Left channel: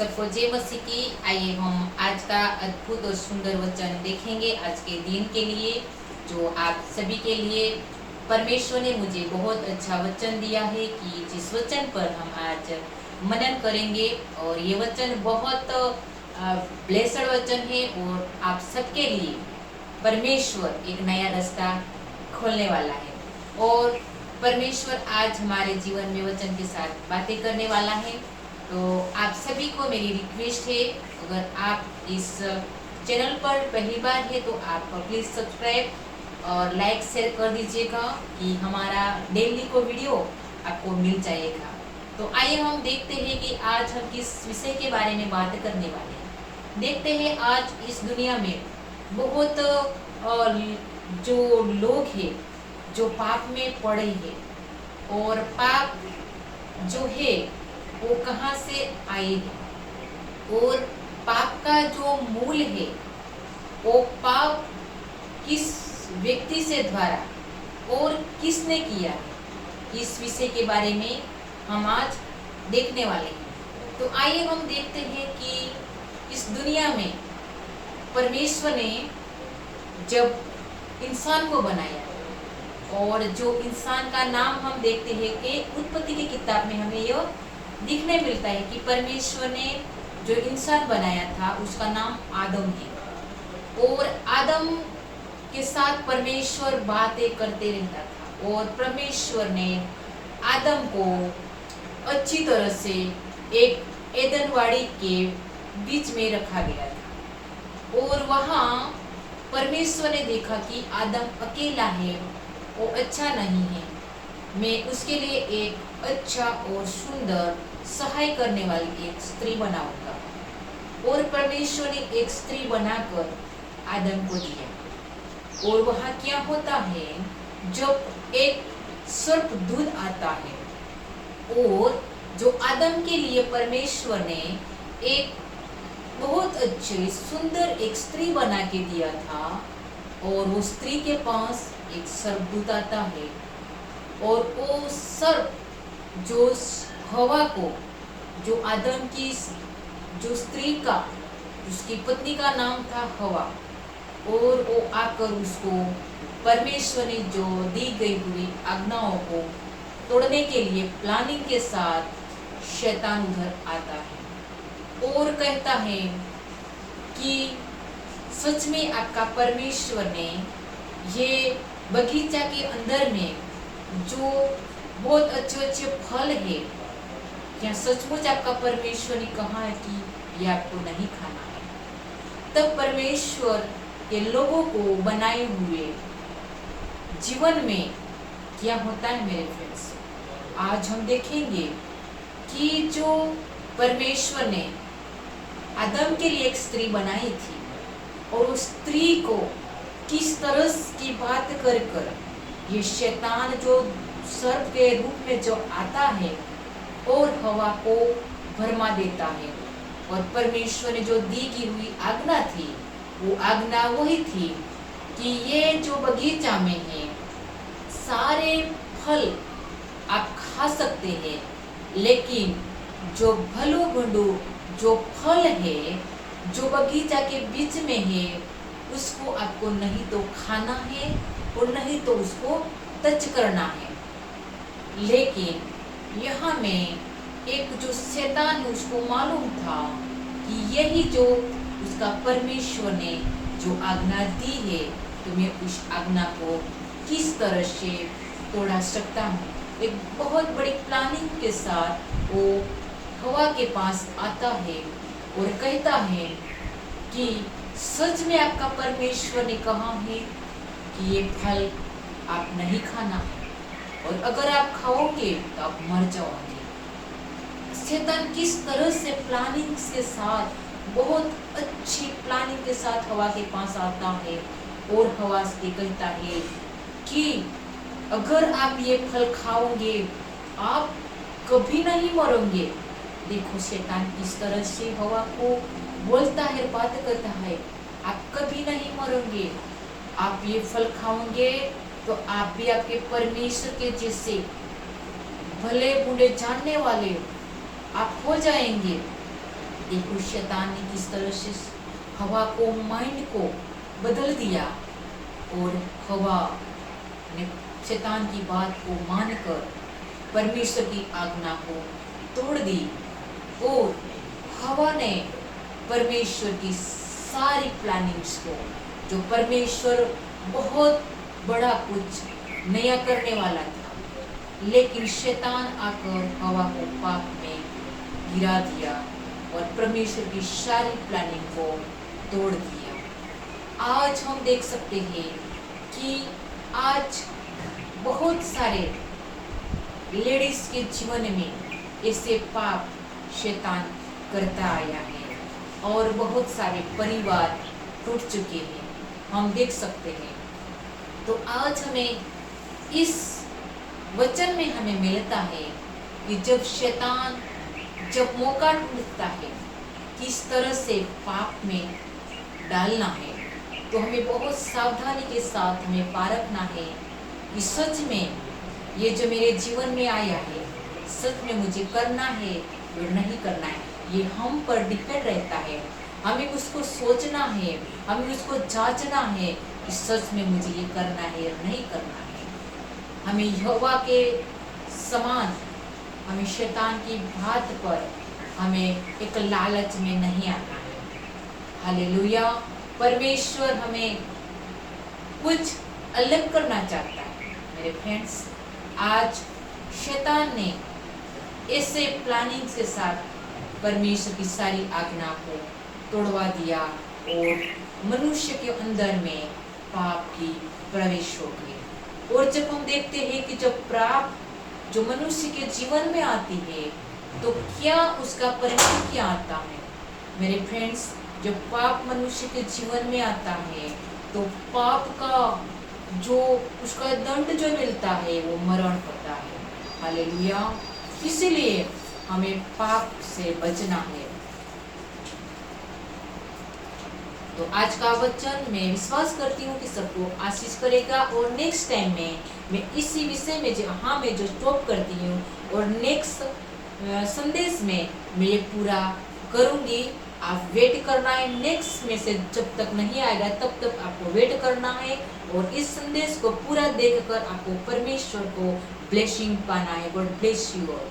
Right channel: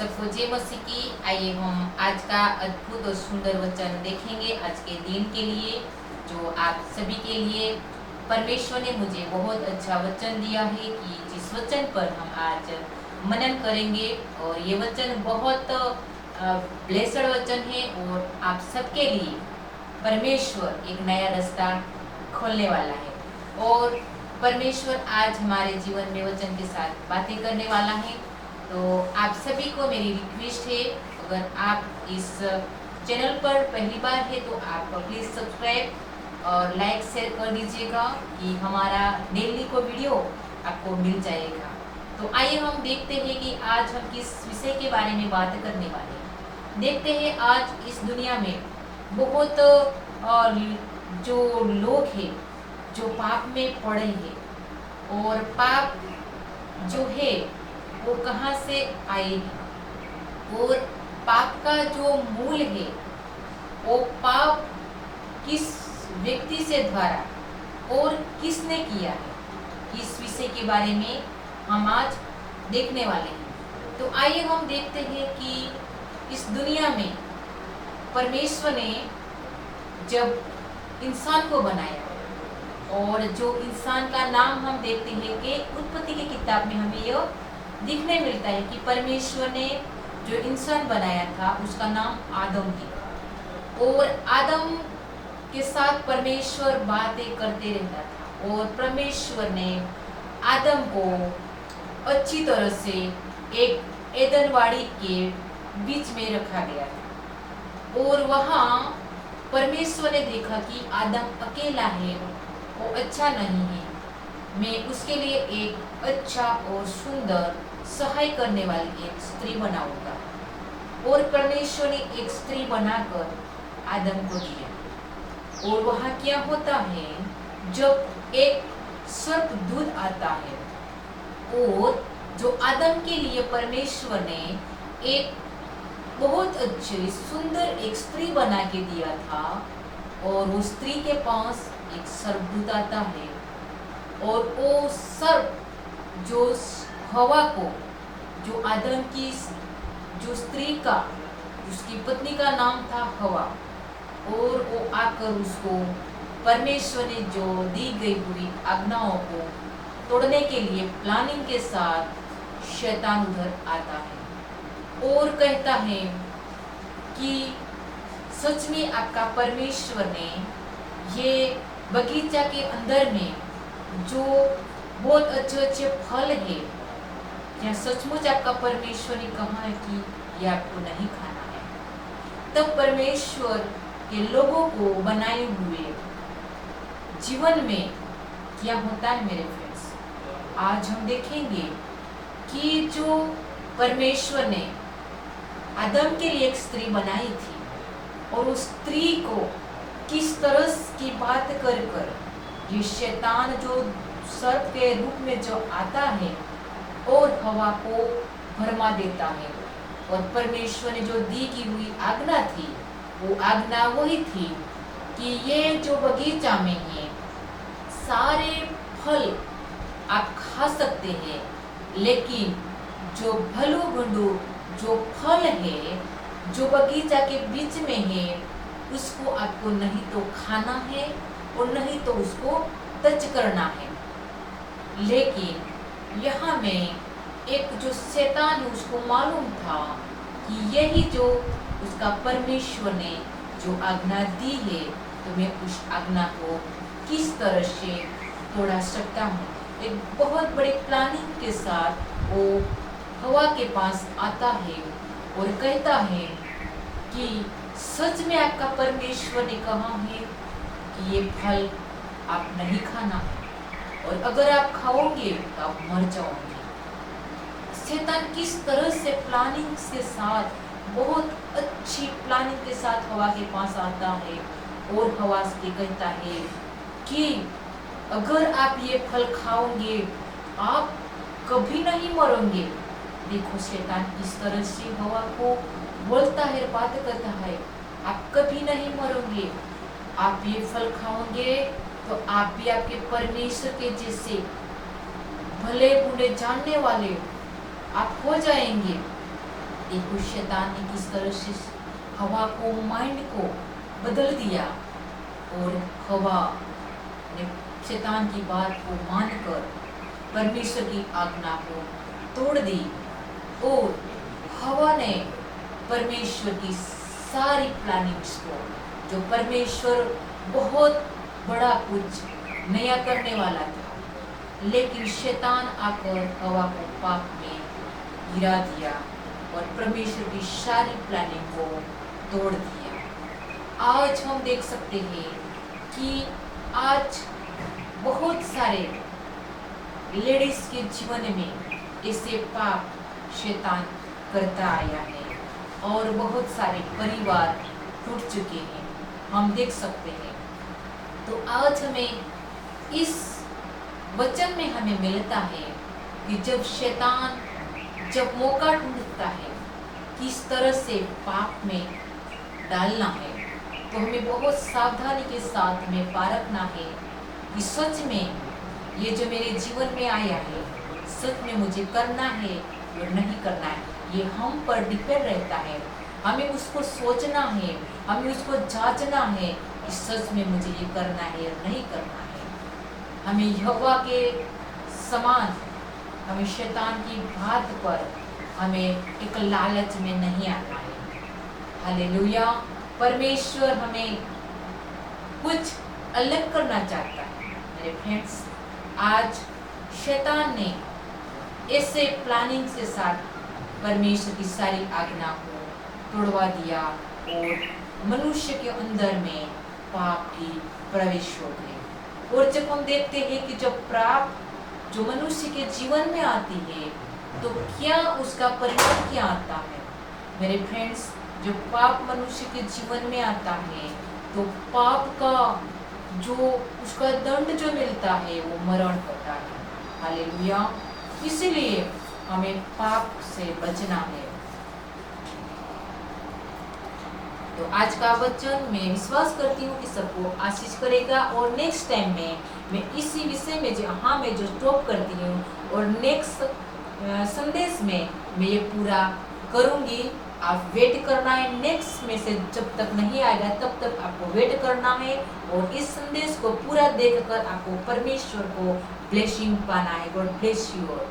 सबको जय मसीह की। आइए हम आज का अद्भुत और सुंदर वचन देखेंगे आज के दिन के लिए, जो आप सभी के लिए परमेश्वर ने मुझे बहुत अच्छा वचन दिया है कि जिस वचन पर हम आज मनन करेंगे। और ये वचन बहुत ब्लेसड वचन है और आप सबके लिए परमेश्वर एक नया रास्ता खोलने वाला है। और परमेश्वर आज हमारे जीवन में वचन के साथ बातें करने वाला है। तो आप सभी को मेरी रिक्वेस्ट है, अगर आप इस चैनल पर पहली बार है तो आप प्लीज़ सब्सक्राइब और लाइक शेयर कर दीजिएगा कि हमारा डेली को वीडियो आपको मिल जाएगा। तो आइए हम देखते हैं कि आज हम किस विषय के बारे में बात करने वाले हैं। देखते हैं आज इस दुनिया में बहुत जो लोग हैं जो पाप में पड़े हैं, और पाप जो है वो कहाँ से आए हैं, और पाप का जो मूल है वो पाप किस व्यक्ति से द्वारा और किसने किया है, इस विषय के बारे में हम आज देखने वाले हैं। तो आइए हम देखते हैं कि इस दुनिया में परमेश्वर ने जब इंसान को बनाया, और जो इंसान का नाम हम देखते हैं कि उत्पत्ति की किताब में हमें यह दिखने मिलता है कि परमेश्वर ने जो इंसान बनाया था उसका नाम आदम है। और आदम के साथ परमेश्वर बातें करते रहता था, और परमेश्वर ने आदम को अच्छी तरह से एक एदनवाड़ी के बीच में रखा गया था। और वहाँ परमेश्वर ने देखा कि आदम अकेला है, वो अच्छा नहीं है, मैं उसके लिए एक अच्छा और सुंदर सहाय करने वाली एक स्त्री बनाऊंगा। और परमेश्वर ने एक स्त्री बनाकर आदम को दिया। और वहाँ क्या होता है, जब एक सर्प दूध आता है, और जो आदम के लिए परमेश्वर ने एक बहुत अच्छी सुंदर एक स्त्री बना के दिया था, और वो स्त्री के पास एक सर्पदूत आता है, और वो सर्प जो हवा को, जो आदम की जो स्त्री का, उसकी पत्नी का नाम था हवा, और वो आकर उसको परमेश्वर ने जो दी गई हुई आज्ञाओं को तोड़ने के लिए प्लानिंग के साथ शैतान उधर आता है और कहता है कि सच में आपका परमेश्वर ने ये बगीचा के अंदर में जो बहुत अच्छे अच्छे फल है, क्या सचमुच आपका परमेश्वर ने कहा है कि ये आपको नहीं खाना है? तब परमेश्वर के लोगों को बनाए हुए जीवन में क्या होता है मेरे फ्रेंड्स, आज हम देखेंगे कि जो परमेश्वर ने आदम के लिए एक स्त्री बनाई थी, और उस स्त्री को किस तरह की बात कर कर ये शैतान जो सर्प के रूप में जो आता है और हवा को भरमा देता है। और परमेश्वर ने जो दी की हुई आज्ञा थी, वो आज्ञा वही थी कि ये जो बगीचा में है सारे फल आप खा सकते हैं, लेकिन जो भलू भुंडू जो फल है जो बगीचा के बीच में है, उसको आपको नहीं तो खाना है और नहीं तो उसको टच करना है। लेकिन यहाँ में एक जो शैतान उसको मालूम था कि यही जो उसका परमेश्वर ने जो आज्ञा दी है, तो मैं उस आज्ञा को किस तरह से तोड़ा सकता हूँ। एक बहुत बड़ी प्लानिंग के साथ वो हवा के पास आता है और कहता है कि सच में आपका परमेश्वर ने कहा है कि ये फल आप नहीं खाना, और अगर आप खाओगे तो आप मर जाओगे। शैतान किस तरह से प्लानिंग के साथ, बहुत अच्छी प्लानिंग के साथ हवा के पास आता है और हवा से कहता है कि अगर आप ये फल खाओगे आप कभी नहीं मरोगे। देखो शैतान किस तरह से हवा को बोलता है, बात करता है, आप कभी नहीं मरोगे, आप ये फल खाओगे तो आप भी आपके परमेश्वर के जैसे भले बुरे जानने वाले आप हो जाएंगे। देखो शैतान ने किस तरह से हवा को, माइंड को बदल दिया, और हवा ने शैतान की बात को मानकर परमेश्वर की आज्ञा को तोड़ दी, और हवा ने परमेश्वर की सारी प्लानिंग्स को, जो परमेश्वर बहुत बड़ा कुछ नया करने वाला था, लेकिन शैतान आकर हवा को पाप में गिरा दिया और परमेश्वर की सारी प्लानिंग को तोड़ दिया। आज हम देख सकते हैं कि आज बहुत सारे लेडीज के जीवन में ऐसे पाप शैतान करता आया है, और बहुत सारे परिवार टूट चुके हैं, हम देख सकते हैं। तो आज हमें इस वचन में हमें मिलता है कि जब शैतान जब मौका ढूंढता है किस तरह से पाप में डालना है, तो हमें बहुत सावधानी के साथ हमें पारखना है कि सच में ये जो मेरे जीवन में आया है, सच में मुझे करना है और नहीं करना है। ये हम पर डिपेंड रहता है। हमें उसको सोचना है, हमें उसको जांचना है कि सच में मुझे ये करना है और नहीं करना है। हमें यहोवा के समान, हमें शैतान की बात पर हमें एक लालच में नहीं आना है। हालेलुया। परमेश्वर हमें कुछ अलग करना चाहता है। मेरे फ्रेंड्स, आज शैतान ने ऐसे प्लानिंग के साथ परमेश्वर की सारी आज्ञा को तोड़वा दिया, और मनुष्य के अंदर में पाप की प्रवेश हो गई। और जब हम देखते हैं कि जब पाप जो मनुष्य के जीवन में आती है, तो क्या उसका परिणाम क्या आता है। मेरे फ्रेंड्स, जब पाप मनुष्य के जीवन में आता है, तो पाप का जो उसका दंड जो मिलता है वो मरण होता है। हालेलुया। इसीलिए हमें पाप से बचना है। तो आज का वचन मैं विश्वास करती हूँ कि सबको आशीष करेगा, और नेक्स्ट टाइम में मैं इसी विषय में जहाँ मैं जो स्टॉप करती हूँ, और नेक्स्ट संदेश में मैं ये पूरा करूँगी। आप वेट करना है, नेक्स्ट मैसेज जब तक नहीं आएगा तब तक आपको वेट करना है, और इस संदेश को पूरा देखकर आपको परमेश्वर को ब्लेसिंग पाना है। God bless you all.